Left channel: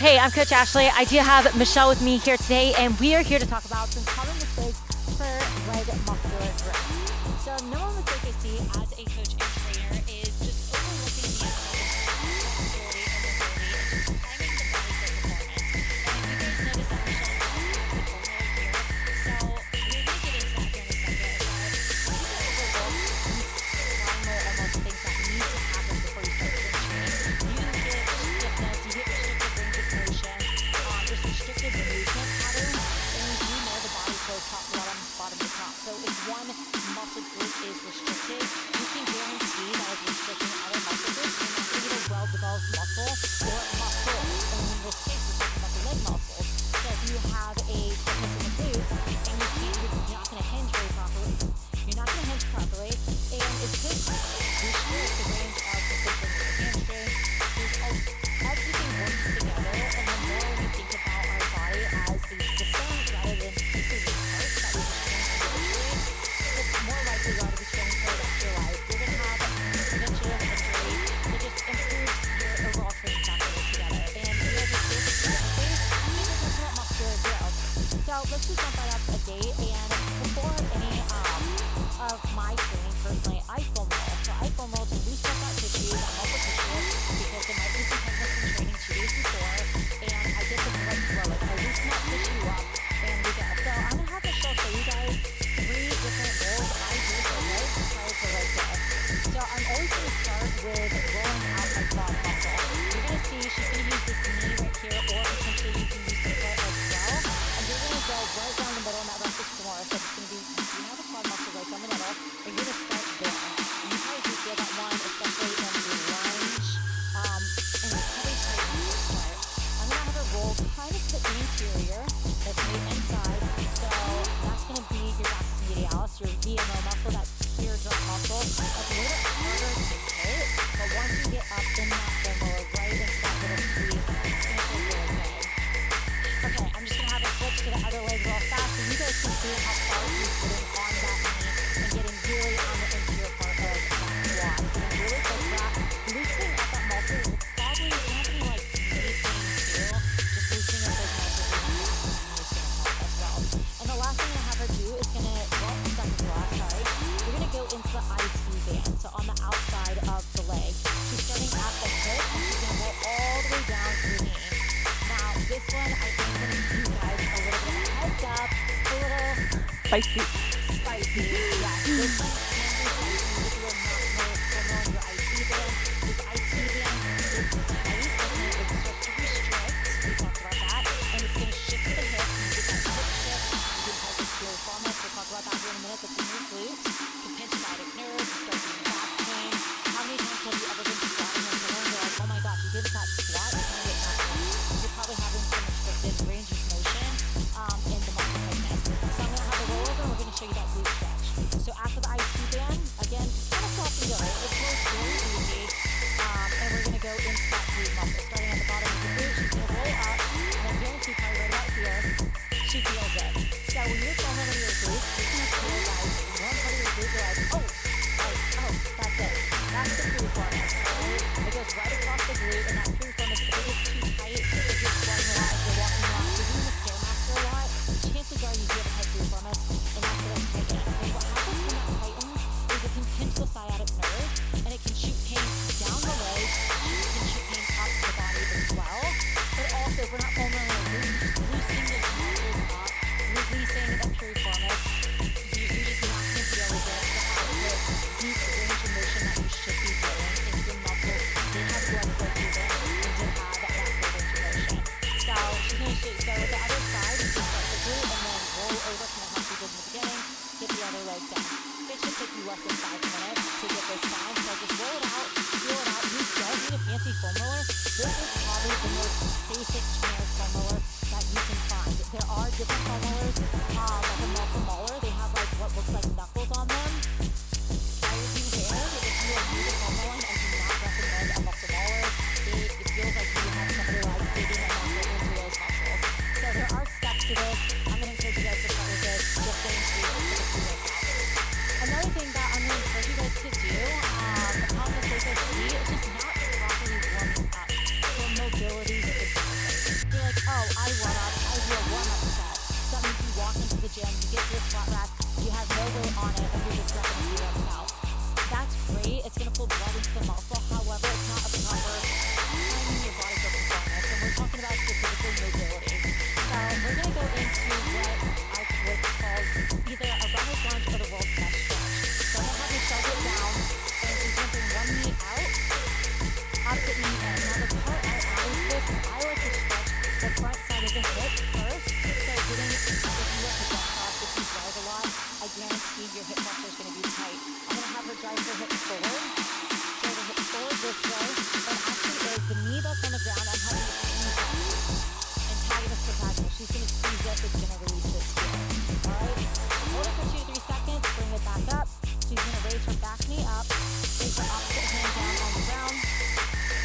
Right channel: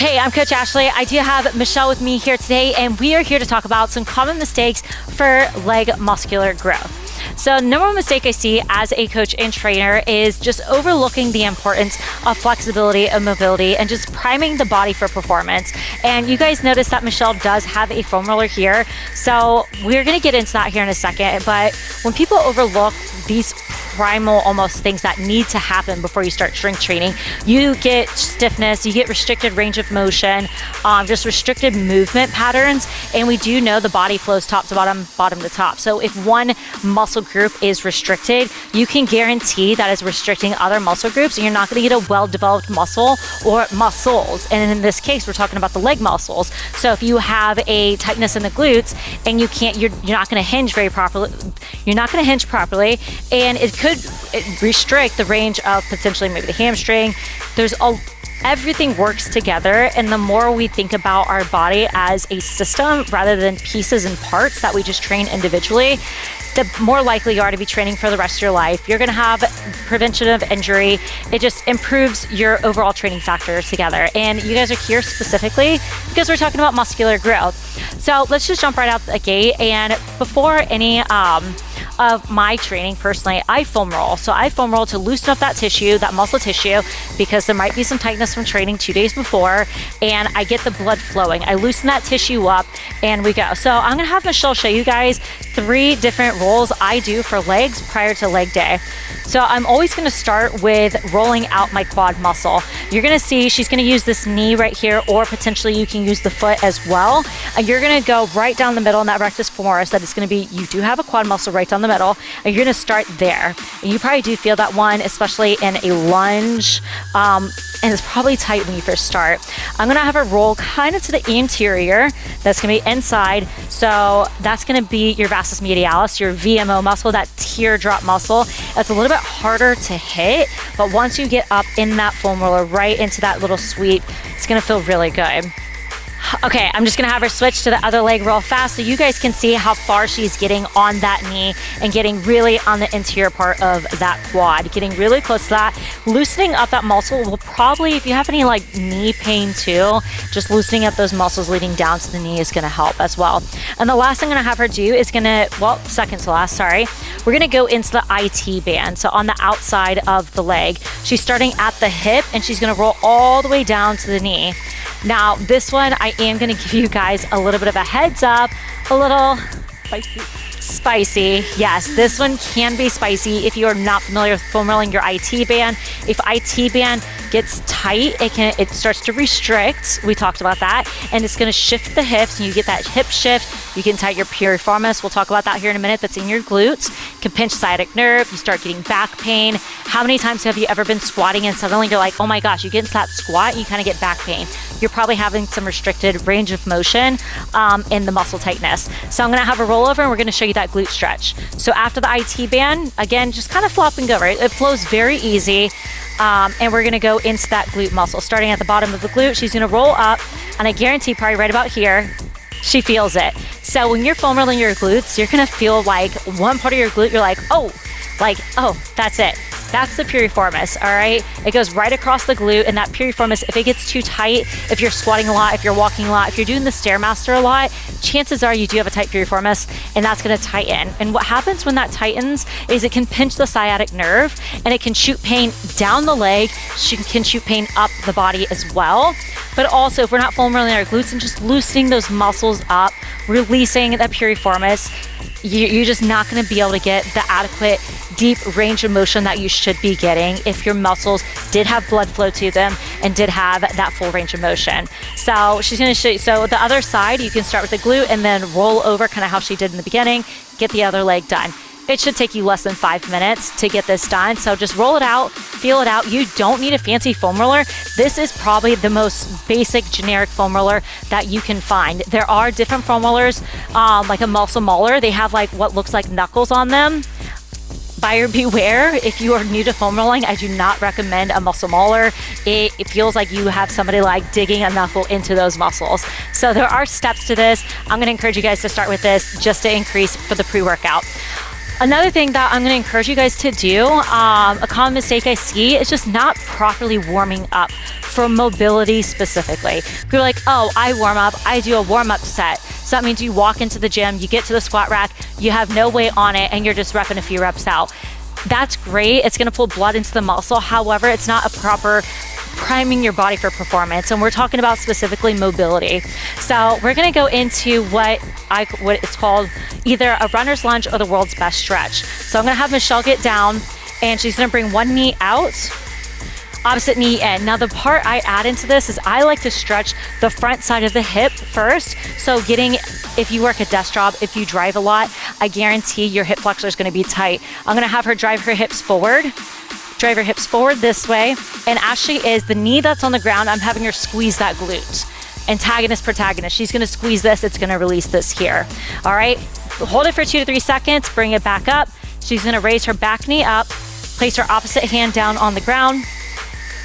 Hey, I'm Coach Ashley. I do have Michelle with me here today, and we are here to talk about some common mistakes for leg muscular growth. So number one mistake I see as a coach and trainer is just overlooking the importance of flexibility and mobility and just priming the body for performance. And you guys notice that Michelle does have a foam roller here. So we're gonna get into that here in a second. But when people overlook these primal almost things that need to happen before you start strength training, you get stiffness, you get restricted range of motion, just restricted movement patterns. And we do know the body flows top to bottom, bottom to top. So if one muscle group is restricted, you can guarantee that is restricting other muscle groups, and you're not going to get a well-developed muscle or muscles. And in this case, we're talking about the leg muscles. So if you have a tightness in the glutes and you're not going to hinge very properly, and it could restrict the range of potentially maybe the hamstring. Everything works together, and the more we think about our body as a system rather than pieces and parts that we just train individually, the more likely you are to be training for the rest of your life. You're gonna have prevention of injury. It just improves your overall training factor together. And you guys are here specifically because we're talking about muscular growth. So let's just jump right out the gate. And before any of my training personally, I foam roll. So I foam roll to loosen up that tissue, that muscle tissue, because there might be some tightness from training 2 days before, and I get the blood flowing. I loosen that tissue up and we go. So I'm gonna have Michelle show you guys 3 different rolls I do for legs prior to leg day. So I'm always gonna start with rolling out my quad muscle. You're gonna see she's gonna use this knee right here, or potentially you can use the foot as well. And you're gonna go right down the middle in that rectus femoris. That is gonna be, you do have a quad muscle right down the middle, and you're gonna start there. And you probably do feel that one, especially in a lunge, and it's probably tight when you first start. I'm gonna have her roll kind of to the anterior. That's gonna be inside. So that's gonna be your vastus medialis, your VMO muscle, that teardrop muscle. That's a little bit harder to hit, but once you get up in that foam roller, right into that little sweep, it's gonna feel really good. Okay, I'm just gonna have her switch to the other leg real fast so you guys can see how far she's getting on that knee and getting really on the interior part of that quad, getting really close to that. Loosening up that muscle will probably, if you have any like knee pain too, just loosening up those muscles leading down to the knee is gonna help as well. And the last thing I'm gonna have her do is second to last, sorry. We're gonna go into the IT band. So on the outside of the leg, she's starting at the hip and she's gonna roll all the way down to the knee. Now, this one, I am gonna give you guys a little bit of a heads up, a little spicy. Yes, this one can be spicy if you are not familiar with foam rolling your IT band. If IT band gets tight, it starts to restrict. We talked about that, and it's gonna shift the hips, and you get that hip shift. You can tighten your piriformis. We'll talk about that here in a minute. That's in your glutes. You can pinch sciatic nerve. You start getting back pain. How many times have you ever been squatting and suddenly you're like, oh my gosh, you get into that squat, you kind of get back pain. You're probably having some restricted range of motion in the muscle tightness. So I'm gonna have a roll over and we're gonna show you that glute stretch. So after the IT band, again, just kind of flop and go, right? It flows very easy. And we're gonna go into that glute muscle. Starting at the bottom of the glute, she's gonna roll up, and I guarantee probably right about here, she feels it. So when you're foam rolling your glutes, you're gonna feel like one part of your glute, you're like, oh, that's it. That's the piriformis, all right? It goes right across the glute, and that piriformis, if it gets too tight, if you're squatting a lot, if you're walking a lot, if you're doing the Stairmaster a lot, chances are you do have a tight piriformis, and that's gonna tighten. And what happens when that tightens is it can pinch the sciatic nerve, and it can shoot pain down the leg, can shoot pain up the body as well. But also, if we're not foam rolling our glutes and just loosening those muscles up, releasing that piriformis, you're just not gonna be able to get the adequate deep range of motion that you should be getting if your muscles did have blood flow to them and did have that full range of motion. So she's gonna show you, so the other side, you can start with the glute and then roll over kind of how she did in the beginning, get the other leg done. It should take you less than 5 minutes to get this done. So just roll it out, feel it out. You don't need a fancy foam roller. This is probably the most basic generic foam roller that you can find. There are different foam rollers, like a muscle mauler. They have like what looks like knuckles on them. Buyer beware. If you are new to foam rolling, I do not recommend a muscle mauler. It feels like you have somebody like digging a knuckle into those muscles. So there are steps to this. I'm gonna encourage you guys to start with this just to increase for the pre-workout. Another thing that I'm gonna encourage you guys to do, a common mistake I see is just not properly warming up for mobility specifically. You're like, oh, I warm up, I do a warm up set. So that means you walk into the gym, you get to the squat rack, you have no weight on it, and you're just repping a few reps out. That's great. It's gonna pull blood into the muscle. However, it's not a proper priming your body for performance. And we're talking about specifically mobility. So we're gonna go into what is called either a runner's lunge or the world's best stretch. So I'm gonna have Michelle get down and she's gonna bring one knee out, opposite knee in. Now the part I add into this is I like to stretch the front side of the hip first. So if you work a desk job, if you drive a lot, I guarantee your hip flexor is gonna be tight. I'm gonna have her drive her hips forward this way. And as she is, the knee that's on the ground, I'm having her squeeze that glute. Antagonist, protagonist. She's gonna squeeze this, it's gonna release this here. All right, hold it for 2 to 3 seconds, bring it back up. She's gonna raise her back knee up, place her opposite hand down on the ground,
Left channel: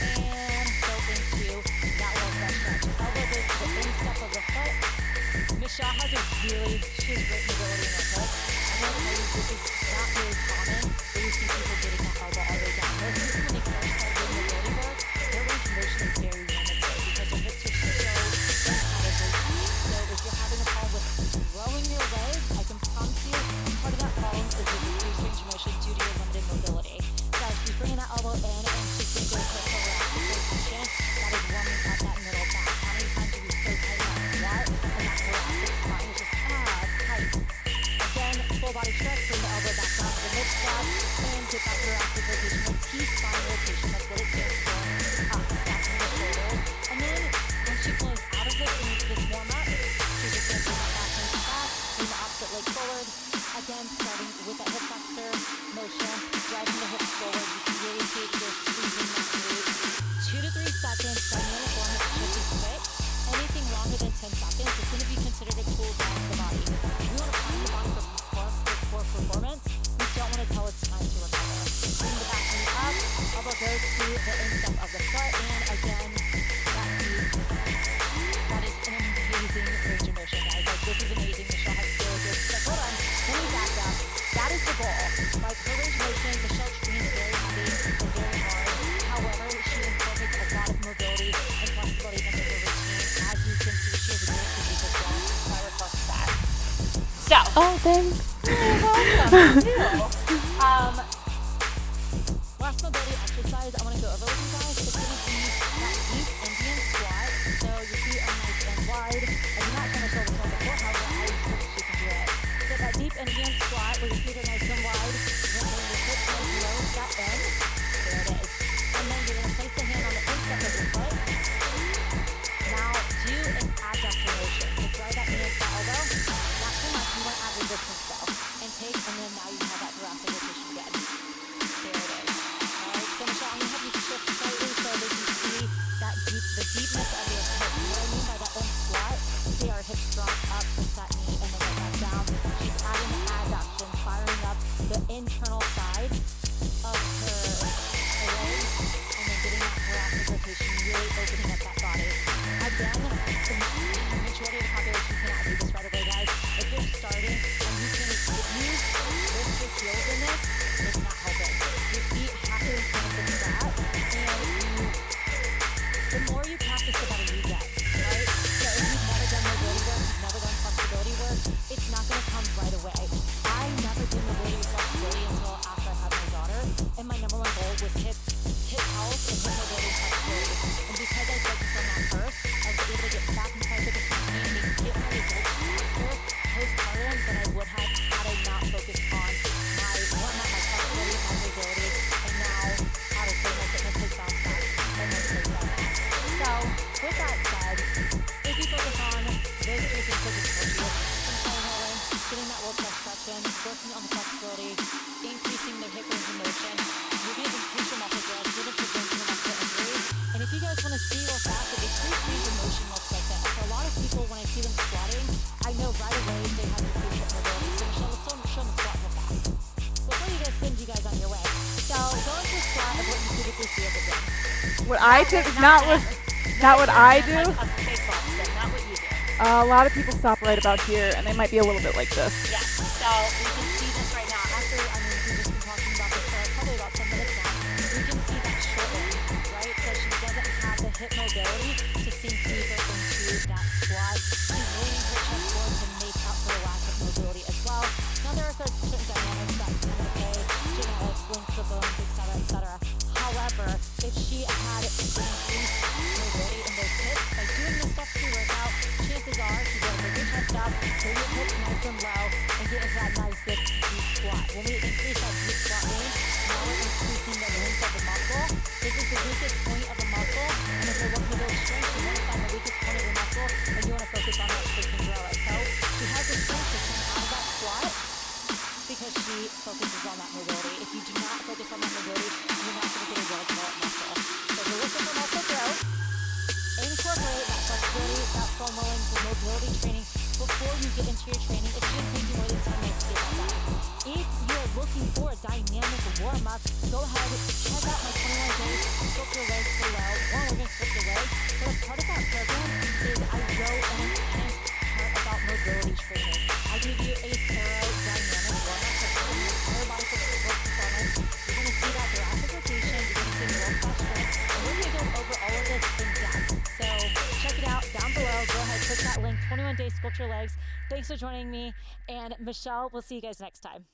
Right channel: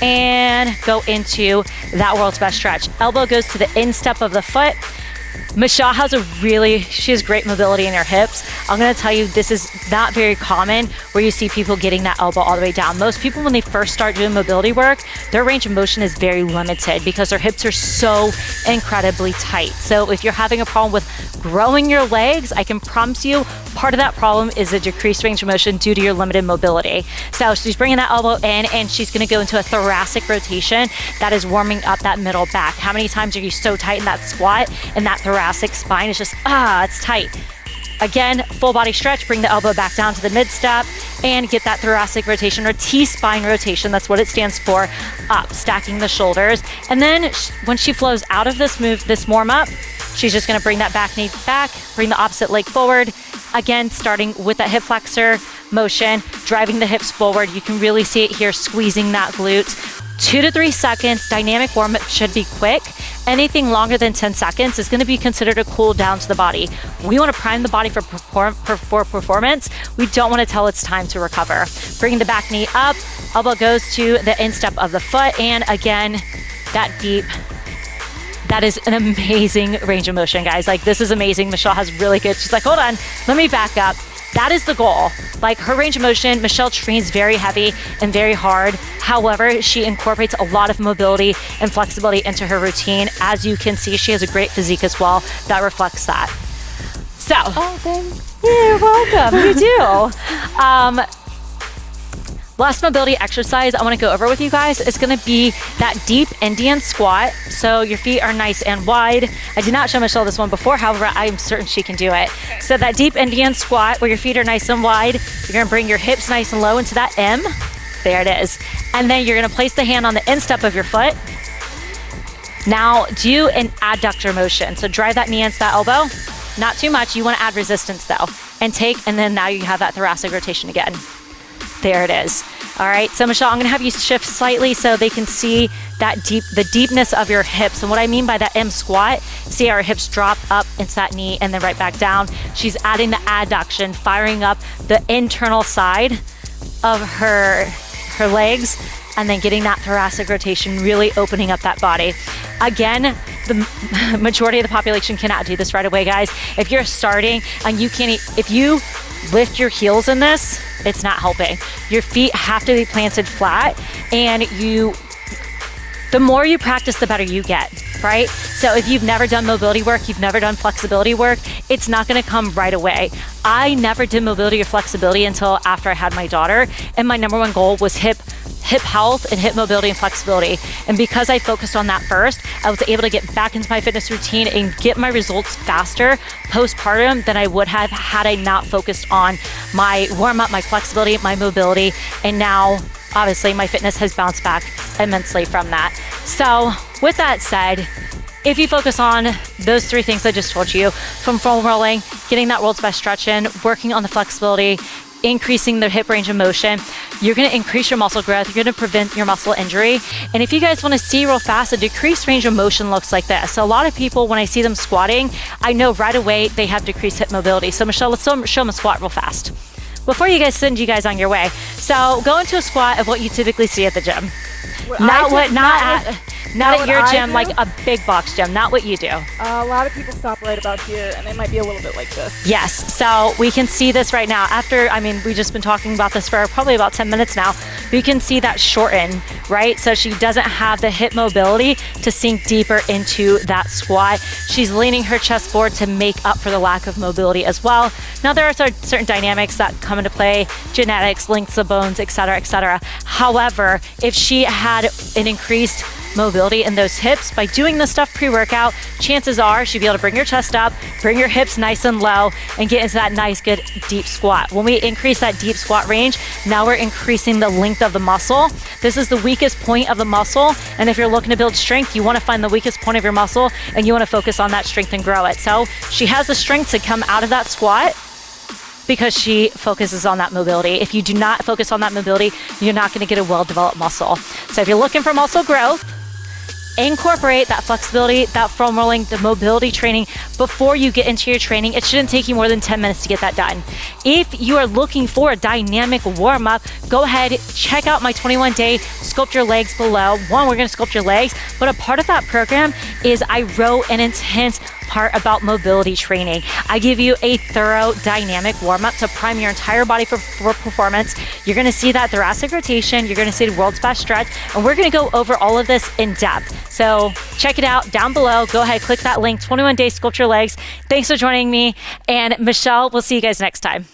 and go into that world's best stretch. Elbow goes to the instep of the foot. Michelle she has great mobility in her hips. I'm gonna tell you, this is not very common where you see people getting that elbow all the way down. Most people, when they first start doing mobility work, their range of motion is very limited because their hips are so incredibly tight. So if you're having a problem with growing your legs, I can promise you part of that problem is a decreased range of motion due to your limited mobility. So she's bringing that elbow in and she's gonna go into a thoracic rotation that is warming up that middle back. How many times are you so tight in that squat and that thoracic spine is just, it's tight. Again, full body stretch, bring the elbow back down to the mid step and get that thoracic rotation or T-spine rotation, that's what it stands for, up, stacking the shoulders. And then when she flows out of this move, this warm up, she's just gonna bring that back knee back, bring the opposite leg forward. Again, starting with that hip flexor motion, driving the hips forward. You can really see it here, squeezing that glute. 2 to 3 seconds, dynamic warm up should be quick. Anything longer than 10 seconds is gonna be considered a cool down to the body. We wanna prime the body for performance. We don't wanna tell it's time to recover. Bringing the back knee up, elbow goes to the instep of the foot, and again, that deep. That is an amazing range of motion, guys. Like, this is amazing. Michelle has really good, she's like, hold on, let me back up. That is the goal. Like, her range of motion, Michelle trains very heavy and very hard. However, she incorporates a lot of mobility and flexibility into her routine. As you can see, she has a great physique as well that reflects that. So. Oh, thanks. You're welcome. You do. Last mobility exercise I want to go over with you guys is going to be that deep Indian squat. So your feet are nice and wide. I did not show Michelle this one before, however, I'm certain she can do it. So that deep Indian squat where your feet are nice and wide, you're going to bring your hips nice and low into that M. There it is. And then you're going to place the hand on the instep of your foot. Now do an adductor motion. So drive that knee into that elbow. Not too much. You want to add resistance though. And then now you have that thoracic rotation again. There it is. All right, so Michelle, I'm gonna have you shift slightly so they can see the deepness of your hips. And what I mean by that M squat, see our hips drop up into that knee and then right back down. She's adding the adduction, firing up the internal side of her legs, and then getting that thoracic rotation, really opening up that body. Again, the majority of the population cannot do this right away, guys. If you're starting and if you lift your heels in this, it's not helping. Your feet have to be planted flat, and the more you practice, the better you get, right? So if you've never done mobility work, you've never done flexibility work, it's not gonna come right away. I never did mobility or flexibility until after I had my daughter, and my number one goal was hip health and hip mobility and flexibility. And because I focused on that first, I was able to get back into my fitness routine and get my results faster postpartum than I would have had I not focused on my warm-up, my flexibility, my mobility, and now obviously my fitness has bounced back immensely from that. So with that said, if you focus on those 3 things I just told you, from foam rolling, getting that world's best stretch in, working on the flexibility, increasing the hip range of motion, you're gonna increase your muscle growth, you're gonna prevent your muscle injury. And if you guys wanna see real fast, a decreased range of motion looks like this. So a lot of people, when I see them squatting, I know right away they have decreased hip mobility. So Michelle, let's show them a squat real fast before you guys send you guys on your Not what at your I gym, do? like a big box gym, not what you do. A lot of people stop right about here, and they might be a little bit like this. Yes, so we can see this right now. After, I mean, we've just been talking about this for probably about 10 minutes now. You can see that shorten, right? So she doesn't have the hip mobility to sink deeper into that squat. She's leaning her chest forward to make up for the lack of mobility as well. Now there are certain dynamics that come into play, genetics, lengths of bones, et cetera, et cetera. However, if she had an increased mobility in those hips by doing this stuff pre-workout, chances are she'd be able to bring your chest up, bring your hips nice and low, and get into that nice, good, deep squat. When we increase that deep squat range, now we're increasing the length of the muscle. This is the weakest point of the muscle, and if you're looking to build strength, you want to find the weakest point of your muscle, and you want to focus on that strength and grow it. So she has the strength to come out of that squat because she focuses on that mobility. If you do not focus on that mobility, you're not going to get a well-developed muscle. So if you're looking for muscle growth, incorporate that flexibility, that foam rolling, the mobility training before you get into your training. It shouldn't take you more than 10 minutes to get that done. If you are looking for a dynamic warm-up, go ahead, check out my 21-day Sculpt Your Legs below. One, we're gonna sculpt your legs, but a part of that program is I wrote an intense part about mobility training. I give you a thorough dynamic warm-up to prime your entire body for performance. You're gonna see that thoracic rotation, you're gonna see the world's best stretch, and we're gonna go over all of this in depth. So check it out down below. Go ahead, click that link, 21 Days Sculpt Your Legs. Thanks for joining me, and Michelle, we'll see you guys next time.